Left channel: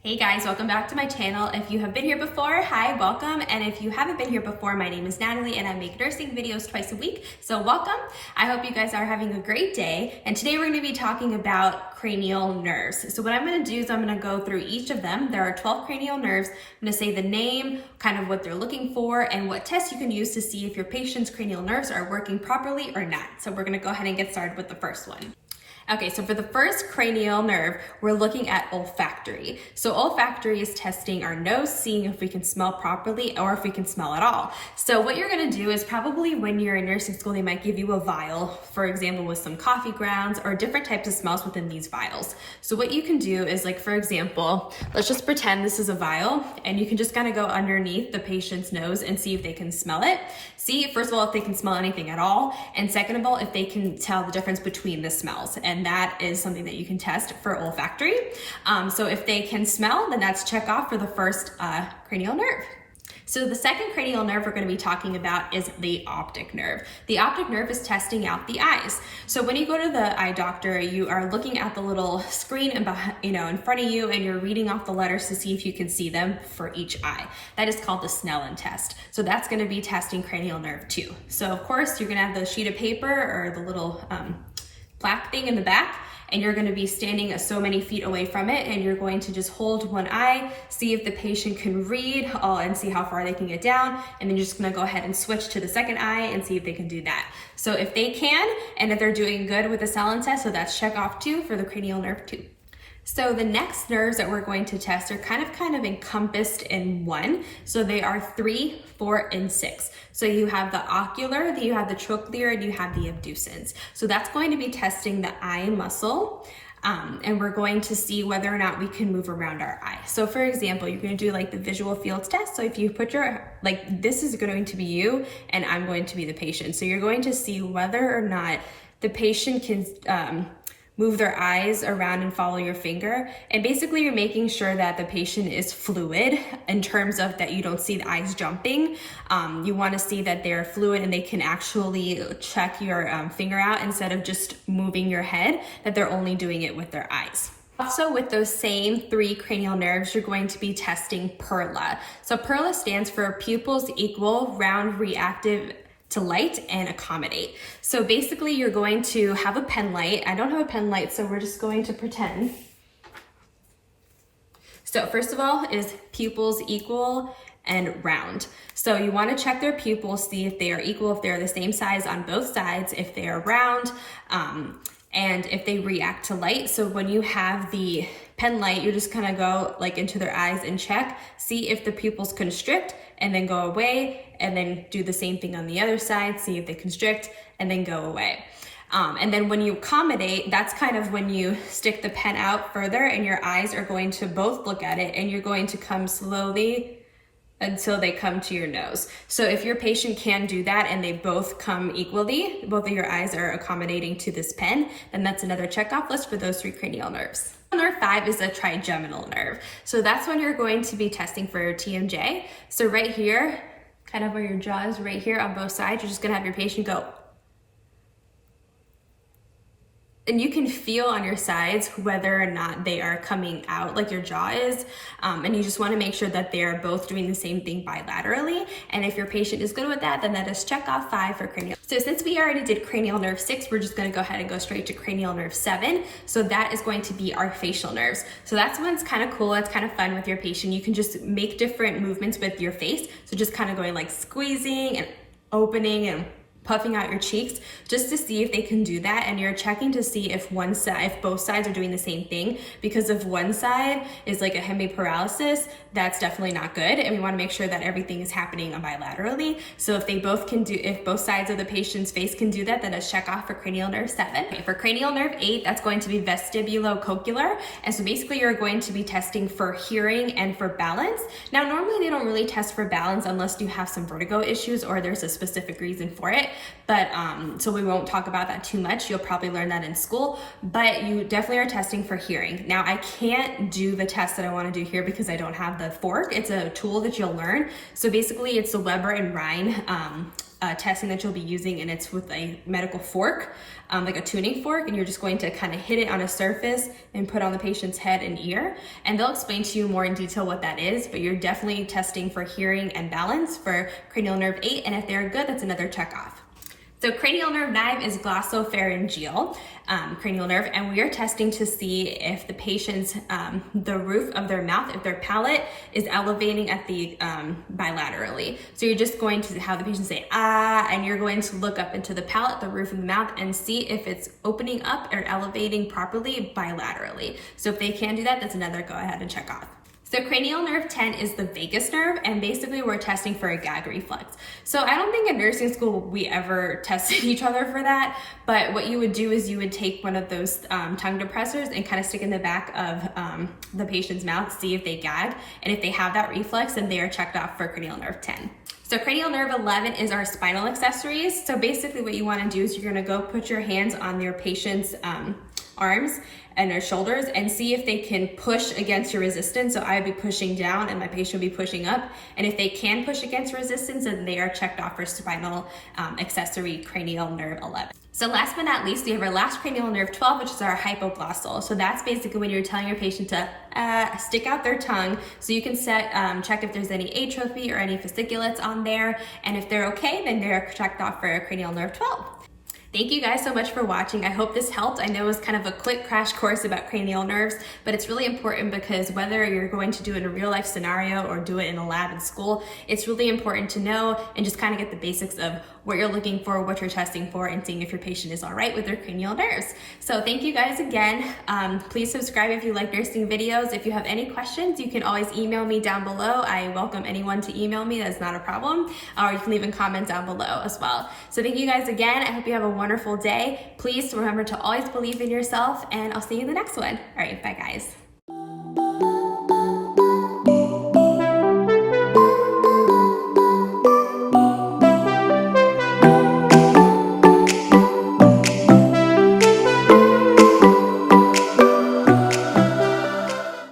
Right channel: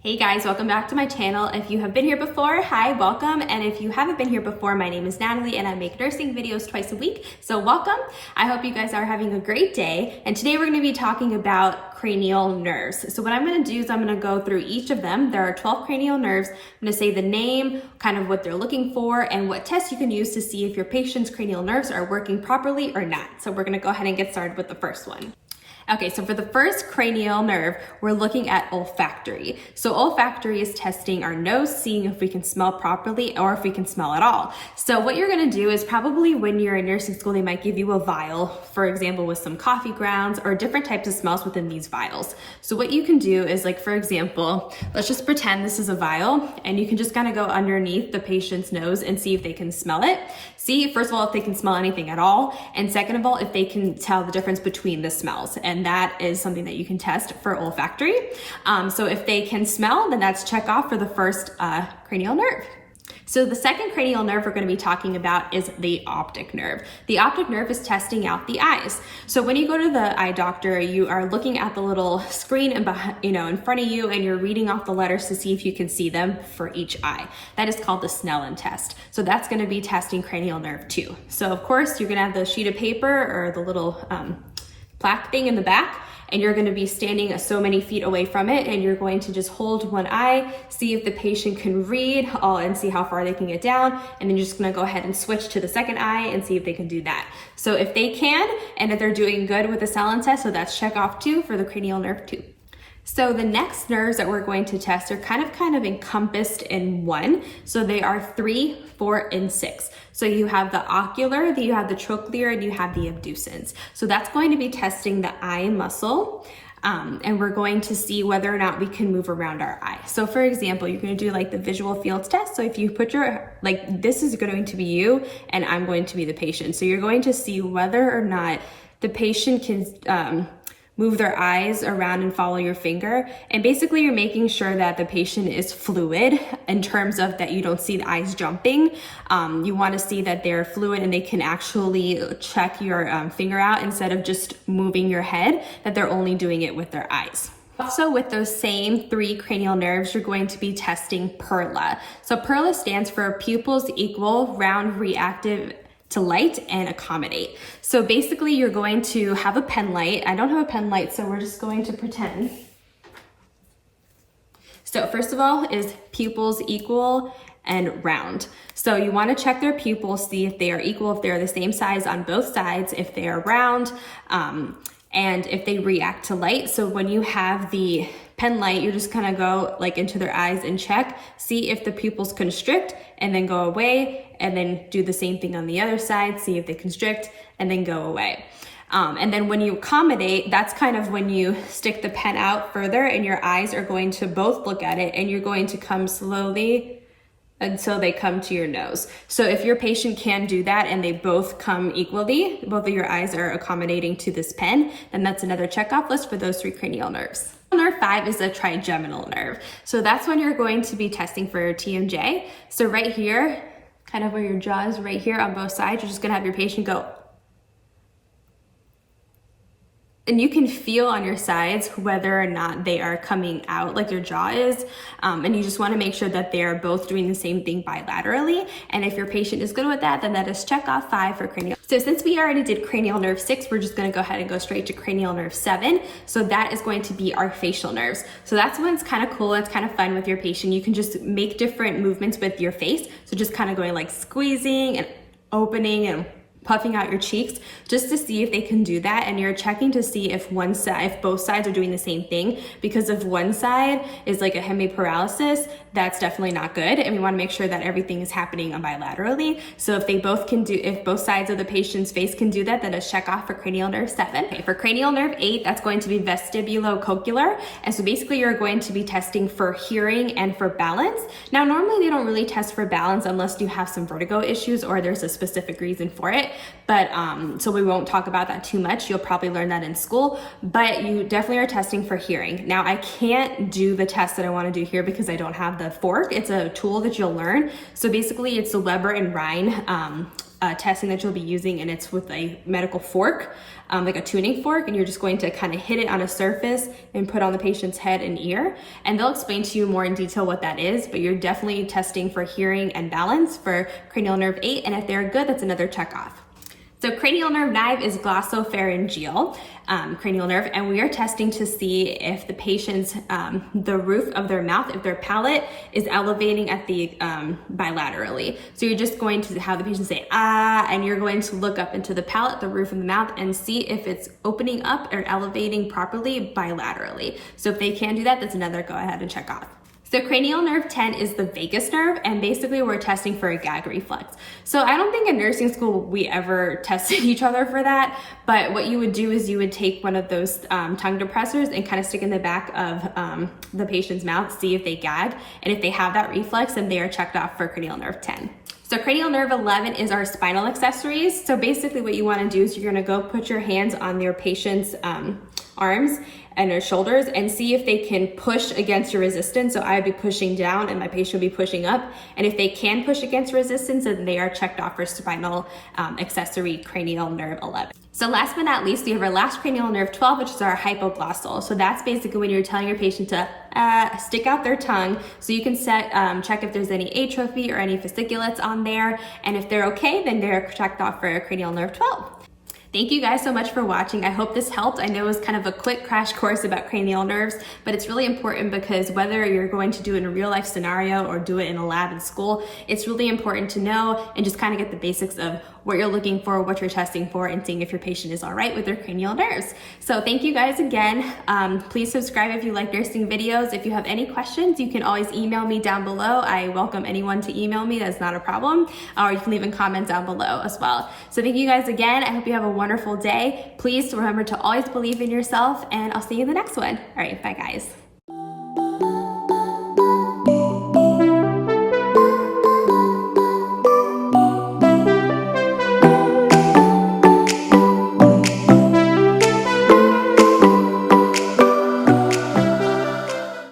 Hey guys, welcome back to my channel. If you have been here before, hi, welcome. And if you haven't been here before, my name is Natalie and I make nursing videos twice a week. So welcome. I hope you guys are having a great day. And today we're going to be talking about cranial nerves. So what I'm going to do is I'm going to go through each of them. There are 12 cranial nerves. I'm going to say the name, kind of what they're looking for, and what tests you can use to see if your patient's cranial nerves are working properly or not. So we're going to go ahead and get started with the first one. Okay, so for the first cranial nerve, we're looking at olfactory. So olfactory is testing our nose, seeing if we can smell properly or if we can smell at all. So what you're gonna do is probably when you're in nursing school, they might give you a vial, for example, with some coffee grounds or different types of smells within these vials. So what you can do is, like, for example, let's just pretend this is a vial and you can just kind of go underneath the patient's nose and see if they can smell it. See, first of all, if they can smell anything at all, and second of all, if they can tell the difference between the smells. And that is something that you can test for olfactory. So if they can smell, then that's check off for the first cranial nerve. So the second cranial nerve we're going to be talking about is the optic nerve. The optic nerve is testing out the eyes. So when you go to the eye doctor, you are looking at the little screen and behind, in front of you, and you're reading off the letters to see if you can see them for each eye. That is called the Snellen test. So that's going to be testing cranial nerve 2. So of course you're going to have the sheet of paper or the little plaque thing in the back, and you're going to be standing so many feet away from it, and you're going to just hold one eye, see if the patient can read, and see how far they can get down, and then you're just going to go ahead and switch to the second eye and see if they can do that. So if they can, and if they're doing good with the Snellen test, so that's check off 2 for the cranial nerve 2. So the next nerves that we're going to test are kind of encompassed in one. So they are 3, 4, and 6. So you have the ocular, you have the trochlear, and you have the abducens. So that's going to be testing the eye muscle. And we're going to see whether or not we can move around our eye. So for example, you're going to do like the visual fields test. So if you put this is going to be you and I'm going to be the patient. So you're going to see whether or not the patient can move their eyes around and follow your finger. And basically you're making sure that the patient is fluid in terms of that you don't see the eyes jumping. You want to see that they're fluid and they can actually check your finger out instead of just moving your head, that they're only doing it with their eyes. Also, with those same 3 cranial nerves, you're going to be testing Perla. So Perla stands for pupils equal, round, reactive to light, and accommodate. So basically you're going to have a pen light. I don't have a pen light, so we're just going to pretend. So first of all is pupils equal and round. So you want to check their pupils, see if they are equal, if they're the same size on both sides, if they are round, and if they react to light. So when you have the pen light, you just kind of go like into their eyes and check, see if the pupils constrict, and then go away, and then do the same thing on the other side, see if they constrict, and then go away. And then when you accommodate, that's kind of when you stick the pen out further and your eyes are going to both look at it, and you're going to come slowly until they come to your nose. So if your patient can do that and they both come equally, both of your eyes are accommodating to this pen, then that's another checkoff list for those 3 cranial nerves. Nerve 5 is the trigeminal nerve. So that's when you're going to be testing for your TMJ. So right here, kind of where your jaw is, right here on both sides, you're just gonna have your patient go. And you can feel on your sides whether or not they are coming out like your jaw is. And you just wanna make sure that they're both doing the same thing bilaterally. And if your patient is good with that, then that is check off 5 for cranial. So since we already did cranial nerve 6, we're just gonna go ahead and go straight to cranial nerve 7. So that is going to be our facial nerves. So that's when it's kind of cool, it's kind of fun with your patient. You can just make different movements with your face. So just kind of going like squeezing and opening and puffing out your cheeks just to see if they can do that. And you're checking to see if both sides are doing the same thing, because if one side is like a hemiparalysis, that's definitely not good. And we want to make sure that everything is happening bilaterally. So if both sides of the patient's face can do that, then a check off for cranial nerve 7. Okay, for cranial nerve 8, that's going to be vestibulocochlear. And so basically you're going to be testing for hearing and for balance. Now, normally they don't really test for balance unless you have some vertigo issues or there's a specific reason for it. But so we won't talk about that too much. You'll probably learn that in school, but you definitely are testing for hearing. Now, I can't do the test that I want to do here because I don't have the fork. It's a tool that you'll learn. So basically it's the Weber and Rhine testing that you'll be using, and it's with a medical fork. like a tuning fork, and you're just going to kind of hit it on a surface and put on the patient's head and ear. And they'll explain to you more in detail what that is, but you're definitely testing for hearing and balance for cranial nerve 8. And if they're good, that's another check off. So cranial nerve 9 is glossopharyngeal cranial nerve, and we are testing to see if the patient's, the roof of their mouth, if their palate is elevating at the bilaterally. So you're just going to have the patient say, ah, and you're going to look up into the palate, the roof of the mouth, and see if it's opening up or elevating properly bilaterally. So if they can do that, that's another go ahead and check off. So cranial nerve 10 is the vagus nerve, and basically we're testing for a gag reflex. So I don't think in nursing school we ever tested each other for that, but what you would do is you would take one of those tongue depressors and kind of stick in the back of the patient's mouth, see if they gag, and if they have that reflex, then they are checked off for cranial nerve 10. So cranial nerve 11 is our spinal accessories. So basically what you want to do is you're going to go put your hands on your patient's arms and their shoulders and see if they can push against your resistance. So I'd be pushing down and my patient would be pushing up. And if they can push against resistance, then they are checked off for spinal accessory cranial nerve 11. So last but not least, we have our last cranial nerve 12, which is our hypoglossal. So that's basically when you're telling your patient to stick out their tongue so you can check if there's any atrophy or any fasciculates on there. And if they're okay, then they're checked off for cranial nerve 12. Thank you guys so much for watching. I hope this helped. I know it was kind of a quick crash course about cranial nerves, but it's really important because whether you're going to do it in a real life scenario or do it in a lab in school, it's really important to know and just kind of get the basics of what you're looking for, what you're testing for, and seeing if your patient is all right with their cranial nerves. So thank you guys again. Please subscribe if you like nursing videos. If you have any questions, you can always email me down below. I welcome anyone to email me. That's not a problem. Or you can leave a comment down below as well. So thank you guys again. I hope you have a wonderful day. Please remember to always believe in yourself, and I'll see you in the next one. All right, bye guys.